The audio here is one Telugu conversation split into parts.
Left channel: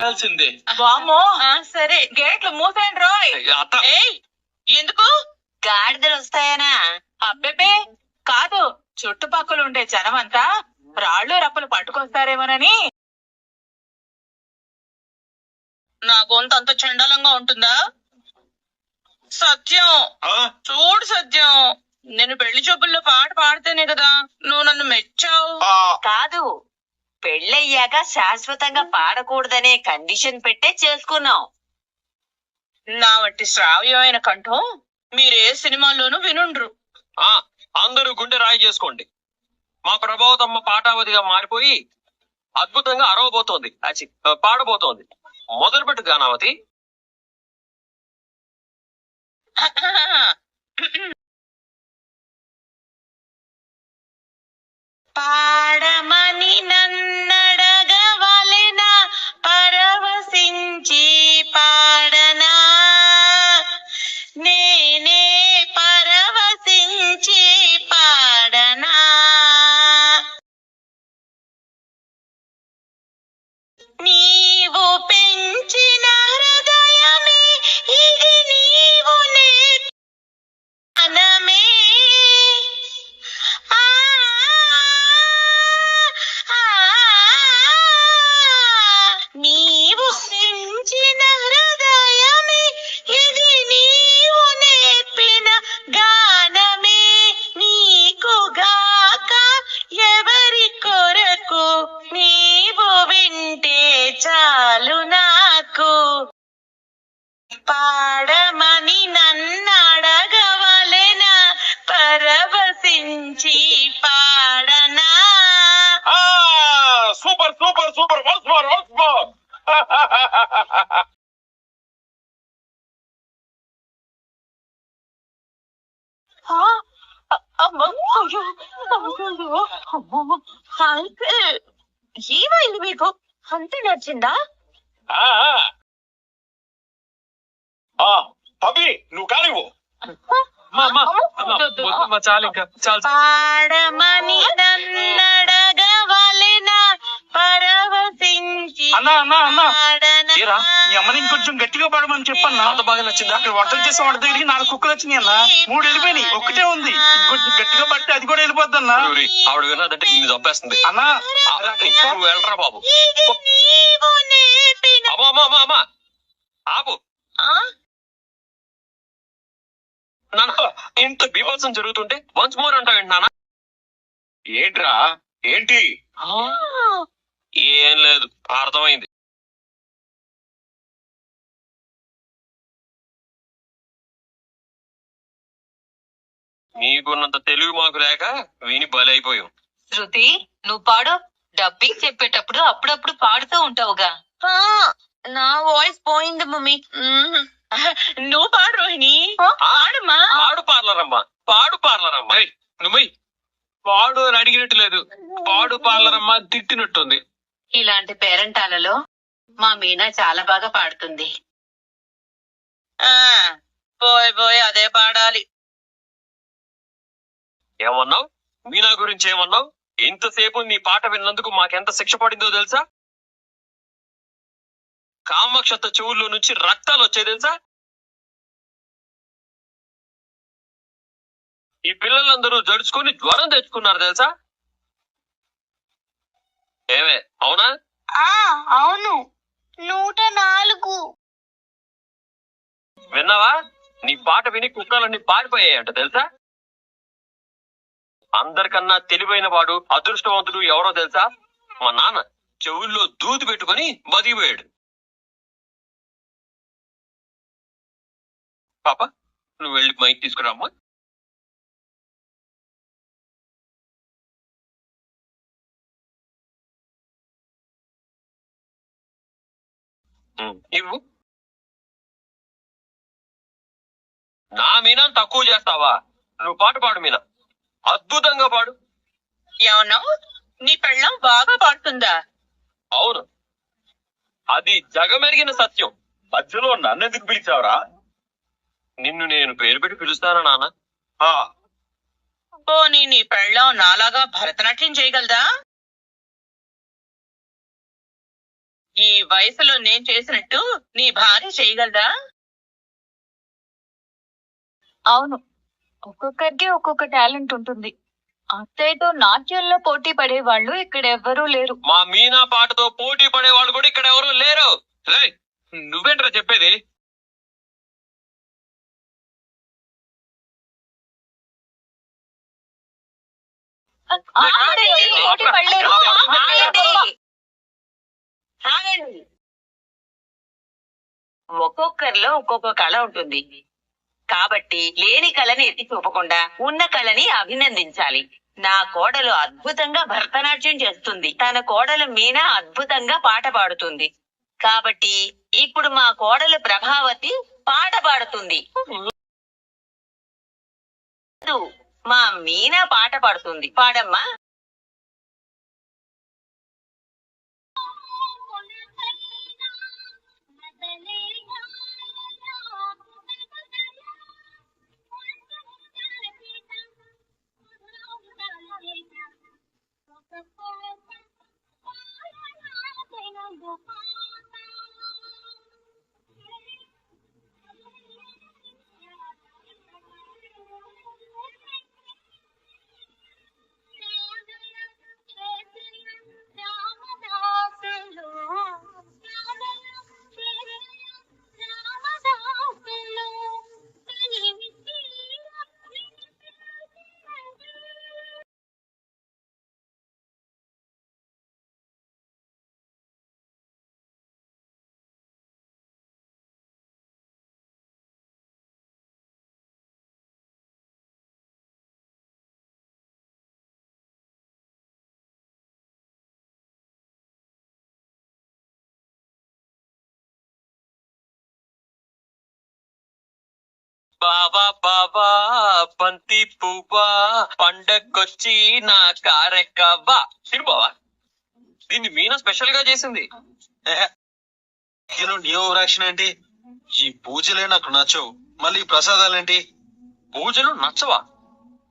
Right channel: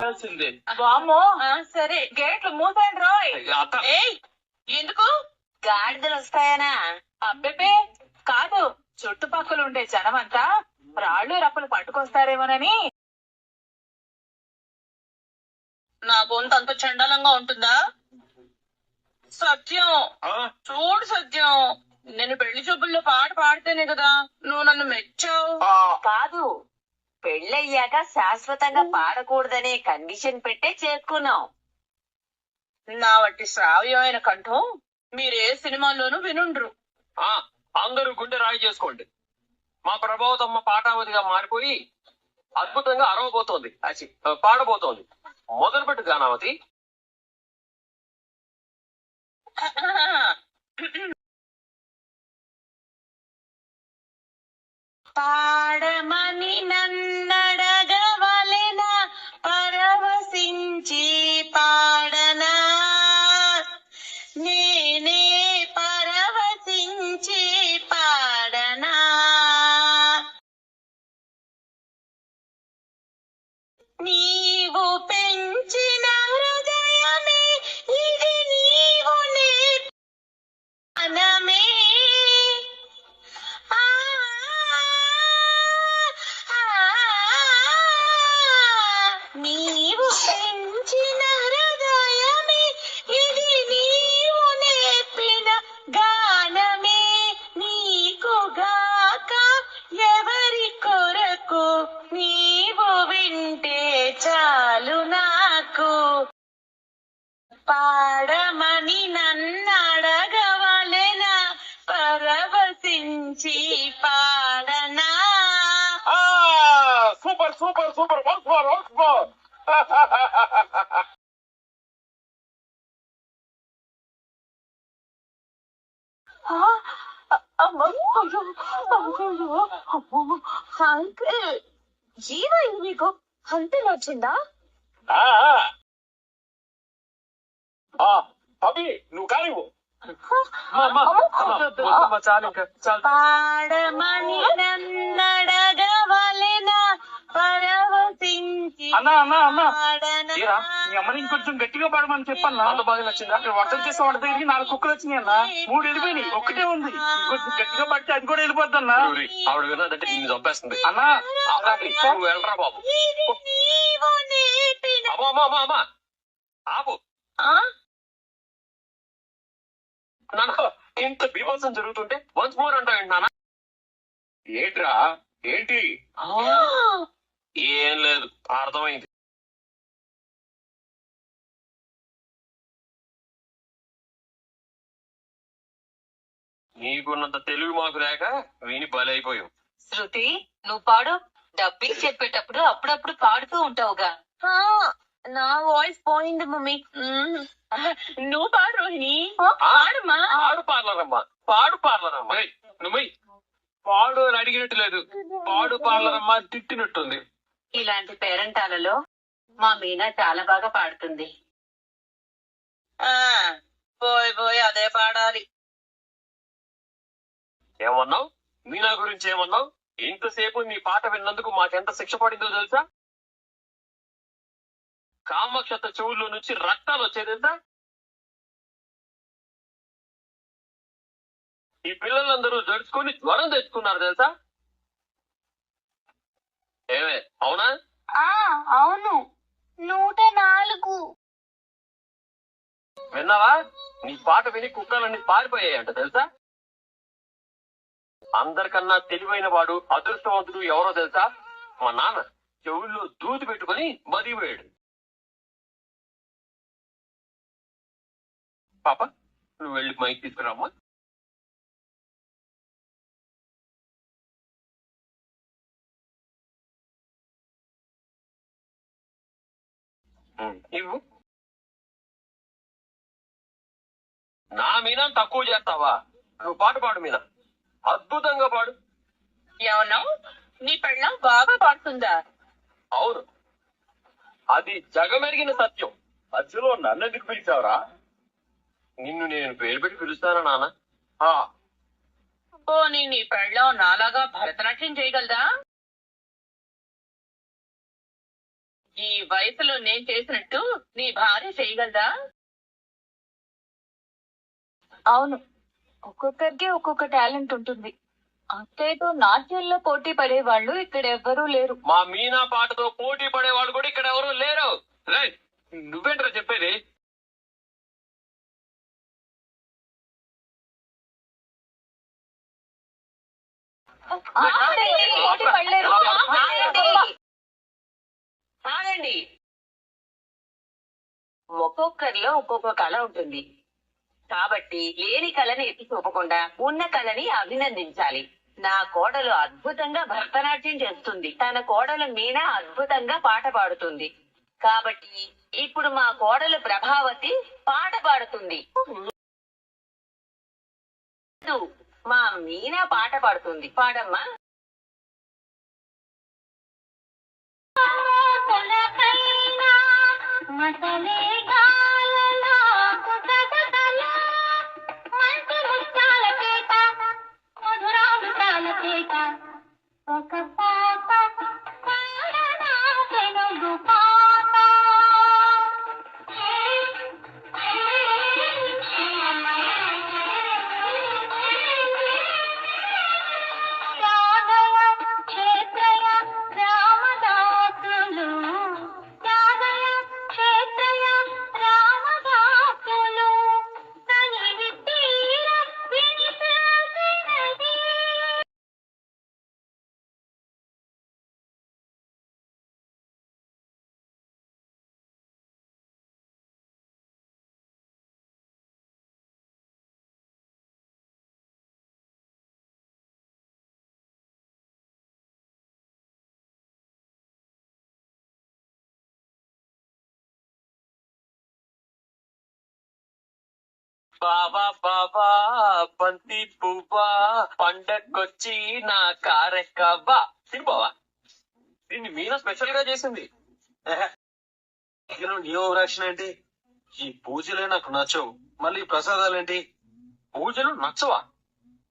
తెలిసిందే. వామ్మో సరే గేట్లు మూసేయండి రోయ్. ఏయ్ ఎందుకు గాడిదలు వస్తాయనా? అబ్బెబే కాదు, చుట్టుపక్కల ఉండే జనం అంతా రాళ్ళు రప్పలు పట్టుకొస్తారేమోనని. నా గొంతు అంత చండాలంగా ఉంటుందా? సత్యం చూడు సత్యం, నేను పెళ్లి చూపుల్లో పాట పాడితేనే కదా నువ్వు నన్ను మెచ్చావు. కాదు, పెళ్ళయ్యాక శాశ్వతంగా పాడకూడదనే కండిషన్ పెట్టే చేసుకున్నాం. నా వట్టి శ్రావ్యమైన కంఠం మీరే సినిమాల్లోనూ వినుండ్రు. అందరూ గుండె రాయి చేసుకోండి. మా ప్రభావతమ్మ పాటావతిగా మారిపోయి అద్భుతంగా అరవబోతోంది, పాడబోతోంది. మొదలుపెట్టు గానావతి. పాడమని నన్నడగవలెనా, పరవశించి పాడనా, నేనే పరవశించి పాడనా. నీవు పెంచిన హృదయమే ఇది, నీవు నేర్పనమే. నీవు పెంచిన హృదయమే ఇది, నీవు నేర్పిన గానమే. నీకు గాక ఎవరి కొరకు, నీవు వింటే చాలు నాకు. పాడమని నన్నడగవలెనా, పరవశించి పాడనా. Super super super, once more once more. ఏమైంది మీకు? అంతే నచ్చిందా? అభి నువ్వు కానివ్వు. చాలు ఇంకా చాలు. పాడమని నన్నడగవలెనా, పరవశించి ఏరా మీ అమ్మని ఇంకొంచెం గట్టిగా పాడమని చెప్పన్నా. అంత బాగా నచ్చిందా? వంటలు చేసే వంట దగ్గరికి 4 కుక్కలు వచ్చినాయి అన్న, 3 వెళ్ళిపోయినాయి, ఒక్కటే ఉంది. ఇంకొంచెం గట్టిగా పడితే అది కూడా వెళ్ళిపోద్ది అన్న. ఆవిడ విన్నదంటే నిన్ను చంపేస్తుంది అన్నా. నువ్వు వెళ్ళరా బాబు. అమ్మా ఆపు. ఇంత బీభత్సం జరుగుతుంటే వన్స్ మోర్ అంటావేంటి నాన్న? ఏంట్రా ఏంటి? ఏం లేదు, అర్థమైంది. మీకున్నంత తెలుగు మాకు లేక విని బలైపోయాం. శృతి, నువ్వు పాడు. డబ్బింగ్ చెప్పేటప్పుడు అప్పుడప్పుడు పాడుతూ ఉంటావుగా. నా వాయిస్ పోయింది మమ్మీ. నువ్వు పాడు రోహిణి. పాడమ్మా. పాడు పార్లరమ్మా, పాడు పార్లరమ్మా. నువ్వు పాడు అని అడిగినట్టు లేదు, పాడు పార్లరమ్మా తిట్టినట్టుంది. ఇలాంటి పేరెంటాలలో మా మీనా చాలా బాగా పాడుతుంది. పోయి అదే పాడాలి. ఏమన్నావు? మీనా గురించి ఏమన్నావు? ఇంతసేపు నీ పాట విన్నందుకు మాకెంత శిక్ష పడిందో తెలుసా? కామాక్షత చెవుల్లో నుంచి రక్తాలు వచ్చాయి తెలుసా? ఈ పిల్లలందరూ జడుచుకొని జ్వరం తెచ్చుకున్నారు తెలుసా? ఏమే అవునా? అవును, 104. విన్నావా? నీ పాట విని కుక్కలన్నీ పారిపోయాయంట తెలుసా? అందరికన్నా తెలివైన వాడు, అదృష్టవంతుడు ఎవరో తెలుసా? మా నాన్న చెవుల్లో దూది పెట్టుకుని బతికిపోయాడు. పాప నువ్వు వెళ్ళి మైక్ తీసుకురామ్మా. ఇవ్వు. నా మీనా తక్కువ చేస్తావా? నువ్వు పాట పాడు మీనా, అద్భుతంగా పాడు. ఏమన్నావు? నీ పెళ్ళం బాగా పాడుతుందా? అవును, అది జగమెరిగిన సత్యం. మధ్యలో నన్నెందుకు పిలిచావురా? నిన్ను నేను పేరు పెట్టి పిలుస్తానా నాన్న? పోనీ నీ పెళ్ళం నాలాగా భరతనాట్యం చేయగలదా? ఈ వయసులో నేను చేసినట్టు నీ భార్య చేయగలదా? అవును, ఒక్కొక్కరికి ఒక్కొక్క టాలెంట్ ఉంటుంది. అత్తయ్యతో నాట్యంలో పోటీ పడే వాళ్ళు ఇక్కడ ఎవ్వరూ లేరు. మా మీనా పాటతో పోటీ పడే వాళ్ళు కూడా ఇక్కడ ఎవరు లేరు. రేయ్, నువ్వేంట్రా చెప్పేది? పోటీ పడలేరు. ఆగండి. ఒక్కొక్కరిలో ఒక్కొక్క కళ ఉంటుంది కాబట్టి లేని కళని ఎత్తి చూపకుండా ఉన్న కళని అభినందించాలి. నా కోడలు అద్భుతంగా భరతనాట్యం చేస్తుంది. తన కోడలు మీనా అద్భుతంగా పాట పాడుతుంది. కాబట్టి ఇప్పుడు మా కోడలు ప్రభావతి పాట పాడుతుంది. మా మీనా పాట పాడుతుంది. పాడమ్మా. బావా బావా బంతి పువ్వా పండక్కొచ్చి నా కారెక్కవ్వా. తిరు బావా, దీన్ని మీనా స్పెషల్ గా చేసింది. నీ ఓవరాక్షన్ ఏంటి? ఈ పూజలే నాకు నచ్చవు, మళ్ళీ ఈ ప్రసాదాలేంటి? పూజలు నచ్చవా?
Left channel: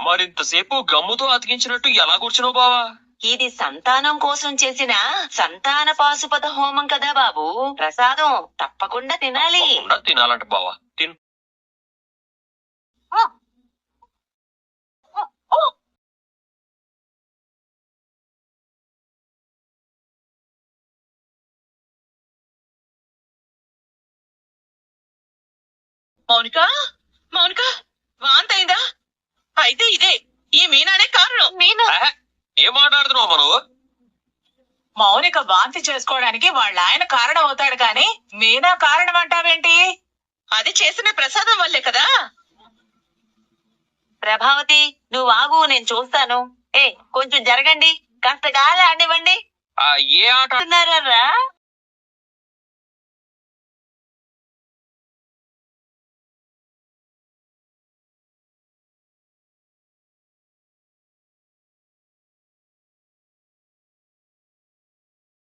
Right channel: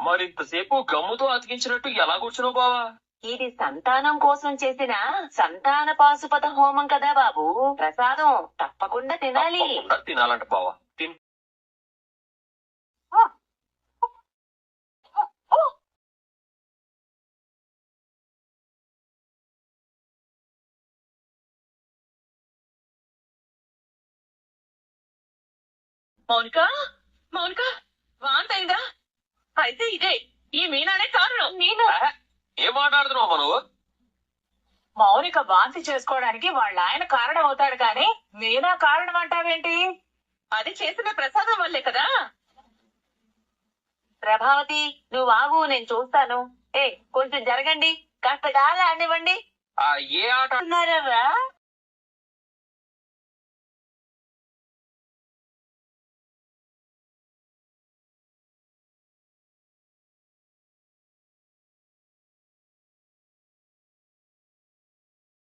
మరింతసేపు గమ్ముతో అతికించినట్టు ఎలా కూర్చున్నావు బావా? ఇది సంతానం కోసం చేసిన సంతాన పాశుపత హోమం కదా బాబు. ప్రసాదం తప్పకుండా తినాలి. తప్పకుండా తినాలంట బావా. తిను. మౌనిక, మౌనిక, వాంతి అయిందా? అయితే ఇదే ఈ మీనానే కారణం. మీనా ఆహా, ఏం మాట్లాడుతున్నావు మనం? మౌనిక వాంతి చేసుకోవడానికి వాళ్ళ ఆయన కారణం అవుతాడు కానీ మీనా కారణం అంటావేంటి? అది చేసిన ప్రసాదం వల్లే కదా. ప్రభావతి, నువ్వు ఆగు, నేను చూస్తాను. కొంచెం జరగండి, కాస్త గాలి ఆడివ్వండి. ఏ ఆట? అంటున్నారా?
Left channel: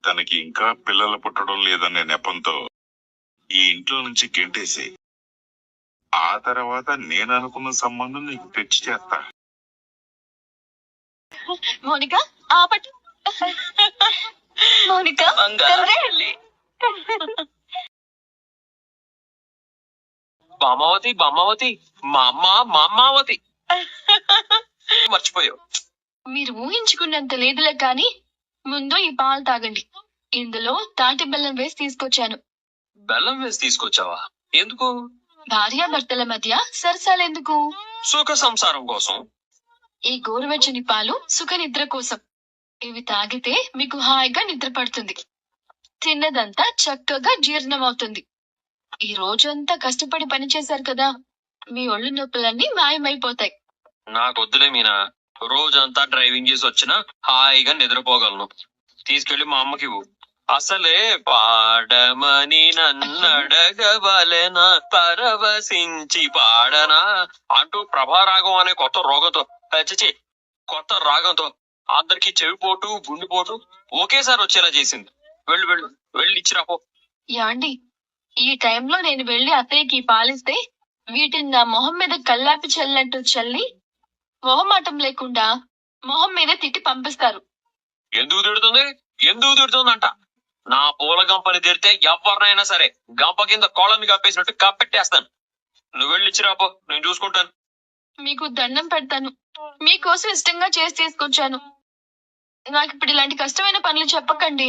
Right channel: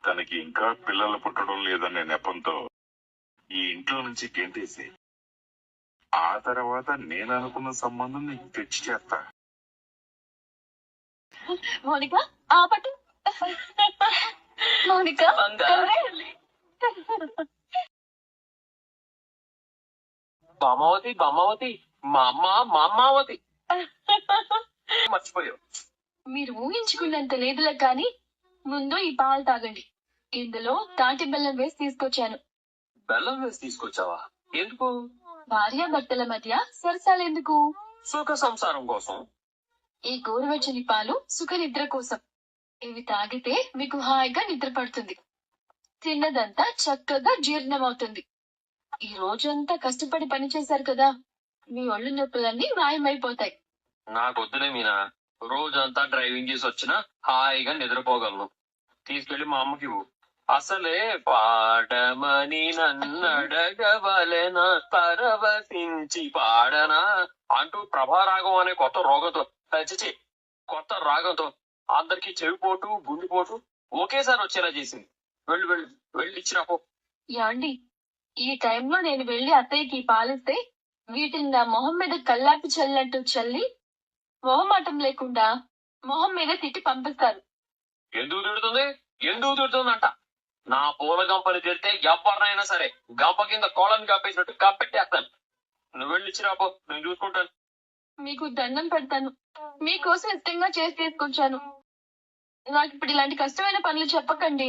తనకి ఇంకా పిల్లలు పుట్టడం లేదనే నెపంతో ఈ ఇంట్లో నుంచి గెంటేసి ఆ తర్వాత నేను అనుకున్న సంబంధం నీకు తెచ్చి చేస్తా. మౌనిక ఆపటు. మౌనిక బామావతి బామావతి మా అమ్మ మా అమ్మావతి. మర్చిపోయావు. మీరు ఊహించుకున్నంత లేదులే కానీ ముందు ఈ పాలు తాగండి. ఇందులో తాటి బెల్లం వేసి తీసుకొచ్చాను. బెల్లం వేసి తీసుకొచ్చావా? ఎందుకు? భార్యాభర్తల మధ్య సరసాలెందుకు? సుఖ సంసారం కోసం. ఈ గోరువెచ్చని పాలు సుఖ నిద్ర కోసం. ఇవి తాగితే మీకు హాయిగా నిద్ర పడుతుంది. తిన్నదంతా చక్కగా జీర్ణమవుతుంది. ఈ రోజంతా కష్టపడి పనిచేశారు కదా, మీ ఒళ్ళు నొప్పులన్నీ మాయమైపోతాయి. నాకొద్దులే మీనా, రోజంతా డ్రైవింగ్ చేసి వచ్చినా హాయిగా నిద్రపోగలను. తీసుకెళ్లి మా అమ్మకి ఇవ్వు. అసలే పాడమని నన్నడగవలెనా పరవశించి పాడనా అంటూ ప్రభారాగం అనే కొత్త రాగంతో అందరికి చెవిపోటు గుండెపోటు ఒకేసారి వచ్చేలా చేసింది. వెళ్ళు వెళ్ళు వెళ్ళి ఇచ్చిరాపో. యాండి, ఈ టైంలో నేను వెళ్లి అత్తయ్యకి పాలిస్తే వీటిని నా మొహం మీద కల్లాపి చల్లినట్టు చల్లి మొహమాటం లేకుండా మొహం మీద తిట్టి పంపిస్తారు. ఎందుకు తిడుతుంది అంట. నా పూల గంపని తిడితే ఎవరినైనా సరే గంప కింద కోళ్ళని కప్పేసినట్టు కప్పెట్టేస్తాను. నువ్వు వెళ్ళి ఇచ్చిరాపో, నేను చూసుకుంటాను. మీకు దండం పెడతాను. మీకోసం ఇష్టంగా చేసి తీసుకొచ్చాను. నాకు ఇప్పుడు ఇలాంటి కష్టమైన పనులు చెప్పకండి.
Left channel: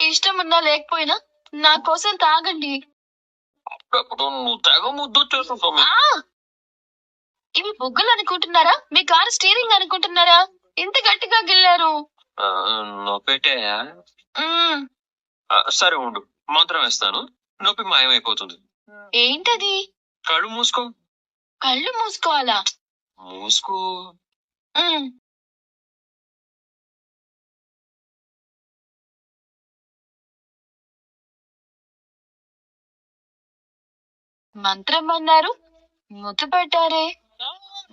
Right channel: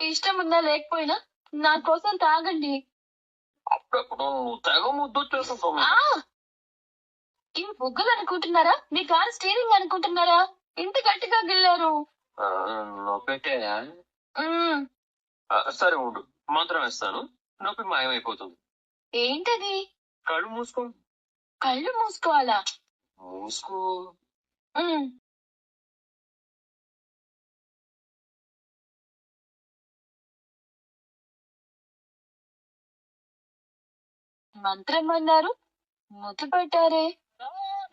ఇష్టం ఉన్నా లేకపోయినా నా కోసం తాగండి. అప్పుడప్పుడు నువ్వు తెగ ముద్దు చేసుకుంటావు. ఆ! ఇవి బొగ్గలు అనుకుంటున్నారా? మీ కారు స్టీరింగ్ అనుకుంటున్నారా? ఇంత గట్టిగా గిల్లారు. నొప్పెట్టే మ్మ్. సరే ఉండు, మంత్రం వేస్తాను, నొప్పి మాయమైపోతుంది. ఏంటది? కళ్ళు మూసుకో. కళ్ళు మూసుకోవాలా? మూసుకో. మ్మ్. మంత్రం అన్నారు, ముద్దు పెట్టారే.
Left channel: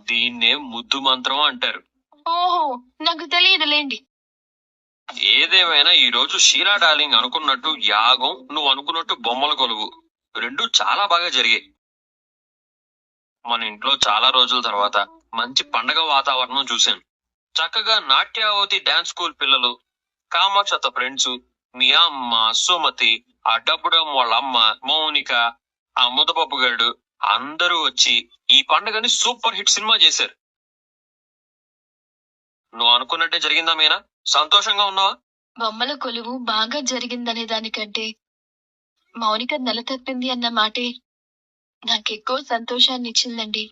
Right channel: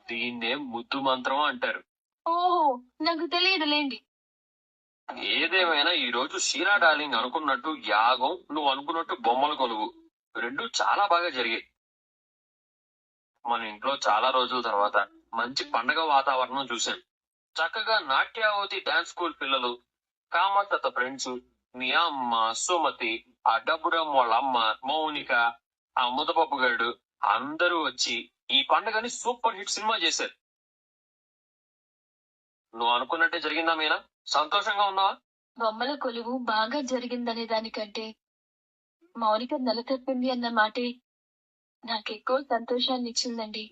దీన్నే ముద్దు మంత్రం అంటారు. ఓహో, నాకు తెలియదులేండి. ఏదేమైనా ఈ రోజు షీలా డార్లింగ్ అనుకున్నట్టు యాగం, నువ్వు అనుకున్నట్టు బొమ్మల కొలువు రెండు చాలా బాగా జరిగాయి. మన ఇంట్లో చాలా రోజుల తర్వాత మంచి పండగ వాతావరణం చూశాను. చక్కగా నాట్యావతి డాన్స్ స్కూల్ పిల్లలు, కామాక్షత ఫ్రెండ్స్, మీ అమ్మ సుమతి, ఆ డబ్బుడం వాళ్ళ అమ్మ మౌనిక, ఆ ముద్దపప్పు గారు అందరూ వచ్చి ఈ పండుగని సూపర్ హిట్ సినిమా చేశారు. నువ్వు అనుకున్నట్టే జరిగిందా మీనా? సంతోషంగా ఉన్నావా? బొమ్మల కొలువు బాగా జరిగిందనే దానికంటే మౌనిక నెల తప్పింది అన్న మాటే నాకెక్కువ సంతోషాన్ని ఇచ్చిందండి.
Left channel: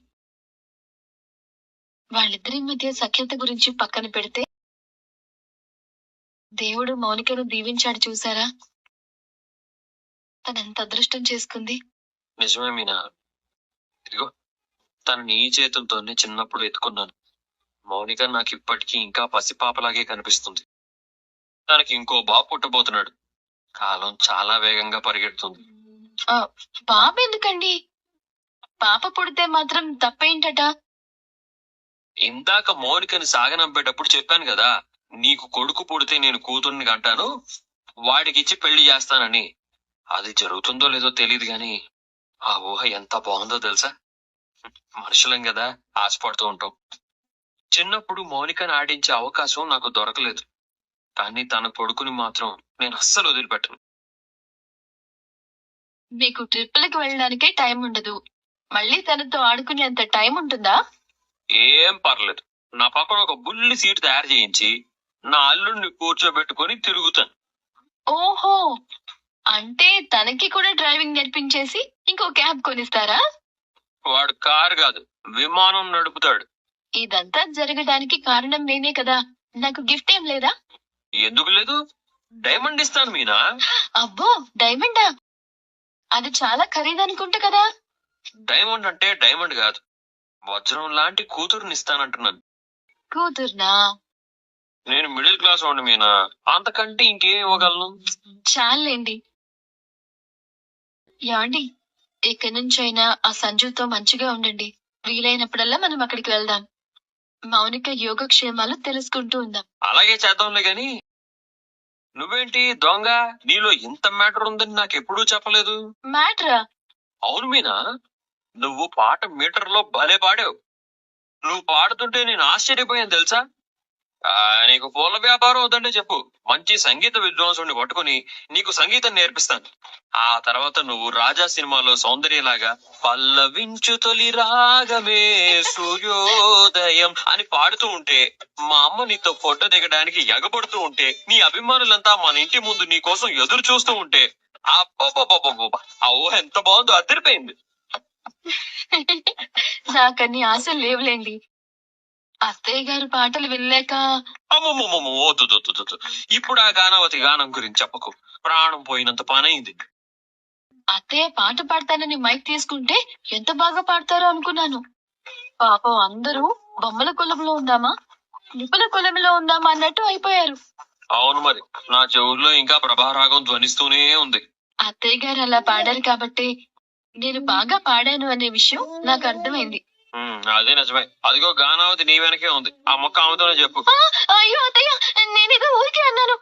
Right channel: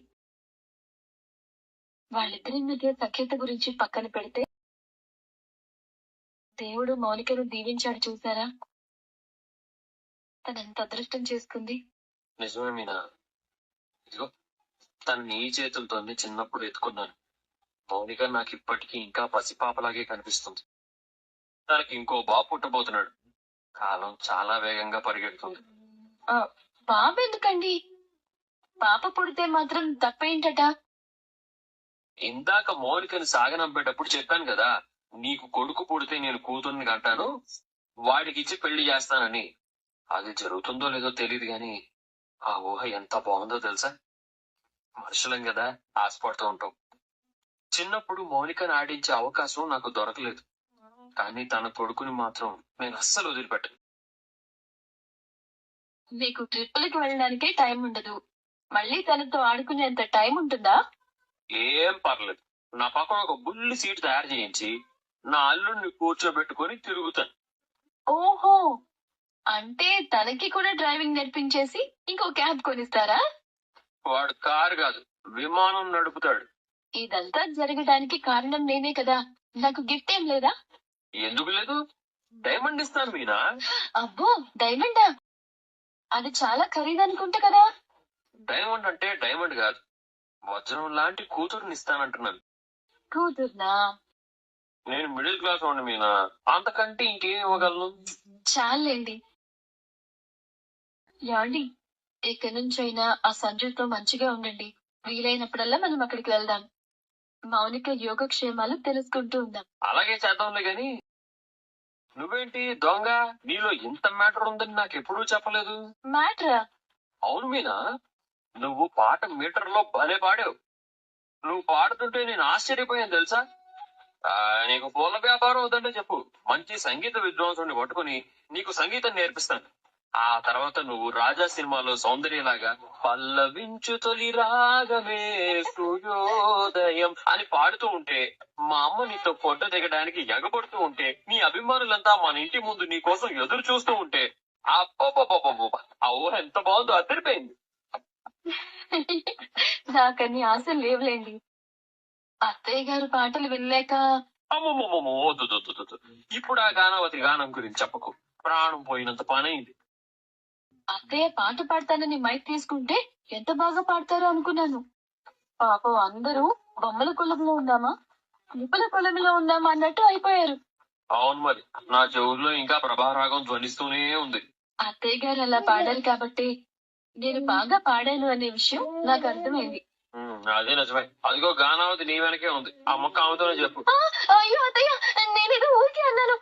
వాళ్ళిద్దరి మధ్య సఖ్యత గురించి పక్కన పెడితే దేవుడు మౌనికను దీవించాడు చూసారా? తనెంత అదృష్టం చేసుకుంది. నిజమే మీనా. ఇదిగో తను నీ చేతులతోనే చిన్నప్పుడు ఎత్తుకున్నాను. మౌనిక నాకు ఇప్పటికీ ఇంకా పసిపాపలాగే కనిపిస్తుంది. తనకి ఇంకో బాబు పుట్టబోతున్నాడు. కాలం చాలా వేగంగా పరిగెడుతుంది. ఆ, బాబు ఎందుకండి? పాప పుడితే మాత్రం తప్పేంటట? ఇందాక మౌనికని సాగనంపేటప్పుడు చెప్పాను కదా, నీకు కొడుకు పుడితే నేను కూతుర్ని కంటాను, వాడికిచ్చి పెళ్లి చేస్తానని. అది జరుగుతుందో లేదో తెలియదు గాని ఆ ఊహ ఎంత బాగుందో తెలుసా? మనుషులం కదా, ఆశపడుతూ ఉంటాం. చిన్నప్పుడు మౌనికని ఆడించే అవకాశం నాకు దొరకలేదు, కానీ తన కొడుకుని మాత్రం నేను అస్సలు వదిలిపెట్టను. మీకు ట్రిప్పులకి వెళ్ళడానికే టైం ఉండదు, మళ్ళీ తనతో ఆడుకునేంత టైం ఉంటుందా? ఏం పర్లేదు, నా పక్కన ఒక బుల్లి సీట్ తయారు చేయించి నా అల్లుడిని కూర్చోబెట్టుకుని తిరుగుతాను. ఓహో, అంటే తనకి కూడా డ్రైవింగ్ నేర్పించేసి ఇంకో క్యాబ్ కొనిస్తారా? వాడు కారు కాదు, విమానం నడుపుతాడు. ఇదంతా జరగడానికి కారణం నేనే కదా. నాకు గిఫ్ట్ ఏం లేదా? ఎందుకు లేదు, డైమండ్ ఇస్తాను మీనా. అబ్బో, డైమండా? అది చాలా ఖరీదనుకుంటా కదా. డైమండ్ అంటే డైమండ్ కాదు, వజ్రం లాంటి కూతురుని ఇస్తానంటున్నాను. కూతుర్నా? నేను మిడిల్ క్లాస్ వాడిని మీనా, అంతకంటే ఇంకేం ఇవ్వగలను? చాలండి. యాండి, ఇక్కడి నుంచైనా ఆ సంజుతో మంచిగా ఉండండి. వీలైనప్పుడల్లా మనం అక్కడికి వెళ్దాం. మౌనిక యోగక్షేమాలు తెలుసుకుంటూ ఉందాం. అలాగే చేద్దాంలే గాని, నువ్వేంటి దొంగ, నీలో ఇంత మ్యాటర్ ఉందని నాకు ఎప్పుడూ చెప్పలేదు. మ్యాటరా? అవును మీనా, నువ్వు పాట మీటర్ లో భలే పాడావు. నువ్వు పాడుతుంటే నేను ఆశ్చర్యపోయాను తెలుసా. నీకు పూల వ్యాపారం వద్దంటే చెప్పు, మంచి సంగీత విద్వాంసుని పట్టుకుని నీకు సంగీతం నేర్పిస్తాను. ఆ తర్వాత నువ్వు రాజా సినిమాలో సౌందర్యలాగా పల్లవించు తొలి రాగమే సూర్యోదయం అని పాడుతూ ఉంటే, మా అమ్మ నీతో ఫోటో దిగడానికి ఎగబడుతూ ఉంటే, నీ అభిమానులంతా మన ఇంటి ముందు నీ కోసం ఎదురు చూస్తూ ఉంటే, అబ్బబ్బబ్బబ్బబ్బ, ఆ ఊహ ఎంత బాగుందో, అదిరిపోయింది. నాకన్ని ఆశలు లేవులేండి. అత్తయ్య గారు పాటలు వినలేక. అమ్మమ్మమ్మ, వద్దు వద్దు, వద్దు. ఇప్పుడు ఆ గానావతి గానం గురించి చెప్పకు, ప్రాణం పోయినంత పనైంది. అత్తయ్య పాట పాడతానని మైక్ తీసుకుంటే ఎంత బాగా పాడతారో అనుకున్నాను. పాపం అందరూ బొమ్మల కొలంలో ఉందామా, నిపుల కొలంలో ఉందామా అన్నట్టు అయిపోయారు. అవును మరి, నా చెవుల్లో ఇంకా ప్రభారాగం ధ్వనిస్తూనే ఉంది. అత్తయ్య గారు అలా పాడారు కాబట్టి నేను బాగా పాడాను అనే విషయం నాకు అర్థమైంది. అదే నిజమే. అదిగో గానావతి నీ వెనకే ఉంది, ఆ మొక్క ఆమెతోనే చెప్పు. అయ్యో అత్తయ్య, నేనేదో ఊరికే అన్నాను.